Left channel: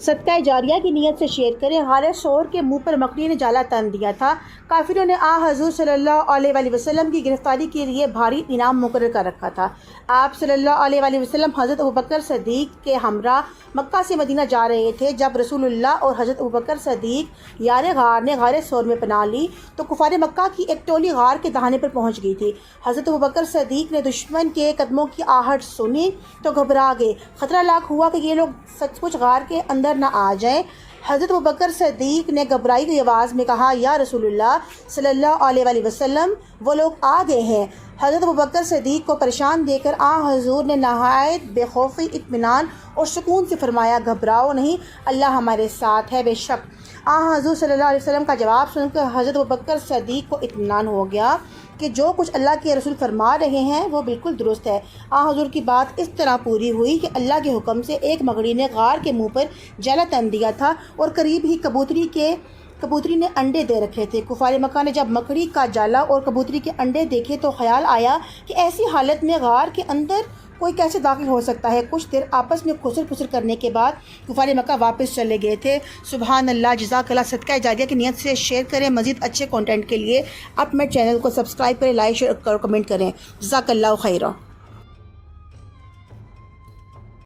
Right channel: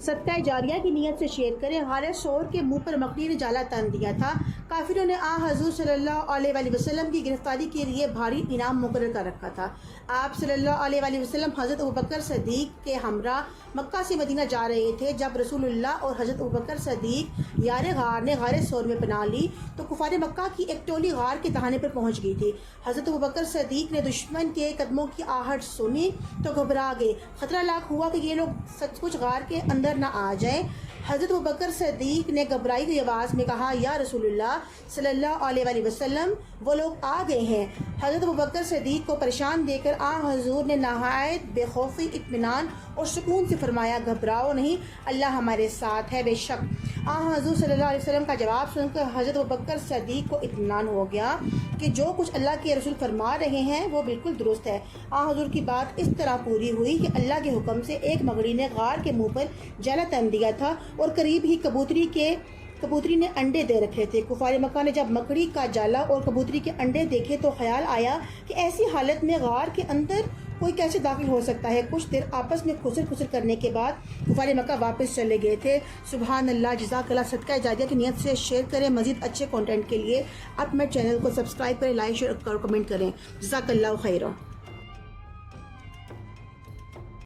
صدقہ جاریہ کی نیت سے شیئر کریں۔ غار ثور کے منہ پر مکڑی نے جالا تن دیا تھا۔ کافروں نے حضور صلی اللہ علیہ وآلہ وسلم کی گرفتاری کے لیے بھاری انعام مقرر کر رکھا تھا۔ آپ صلی اللہ علیہ وآلہ وسلم حضرت ابوبکر صدیق کے ہمراہ مکہ سے مدینہ جا رہے تھے۔ جب رسول اللہ اور حضرت ابوبکر صدیق یار غار نے غار ثور میں پناہ لی تو کفار مکہ کی ایک ٹولی غار کے دہانے پر پہنچ گئی تھی۔ حضرت ابوبکر صدیق نے دشمن کے قدموں کی آہٹ سنی تو گھبرا گئے۔ خطرہ لاحق ہوا کہ یہ لوگ سچ مچ غار کے اندر نہ آ جائیں۔ حضرت ابوبکر صدیق نے گھبرائی ہوئی آواز میں کہا، یا رسول اللہ صلی اللہ علیہ وسلم، وہ لوگ آ گئے ہیں۔ حضرت ابوبکر صدیق کو پریشان دیکھ کر حضور نے نہایت بے خوفی، اطمینان اور سکون سے فرمایا، گھبراؤ نہیں، اللہ ہمارے ساتھ ہے۔ بے شک حضور صلی اللہ علیہ وسلم کا جواب سن کر حضرت ابوبکر صدیق کو اطمینان ہو گیا کہ جو کچھ اللہ کے رسول فرما رہے ہیں وہ بالکل درست ہے۔ حضور کی بات اس طرح پوری ہوئی کہ اللہ کے حکم سے ایک مکڑی نے غار کے منہ پر جالا تن دیا تھا اور قریب ہی کبوتری نے انڈے دے رکھے تھے۔ کفار مکہ نے جب مکڑی کا جالا اور کبوتری کے انڈے دیکھے تو خیال آیا کہ ایسی حالت میں غار کے اندر کوئی کیسے داخل ہو سکتا ہے۔ کچھ دیر آپس میں خسر پھسر کرنے کے بعد کفار مکہ واپس چلے گئے تھے۔ سبحان اللہ، جزاک اللہ۔ صدقہ جاریہ کی نیت سے شیئر کریں۔ مزید اچھے کنٹینٹ کے لیے آپ میرے چینل کو سبسکرائب کریں، لائک شیئر اور کمنٹ کریں۔ جزاک اللہ خیرہ۔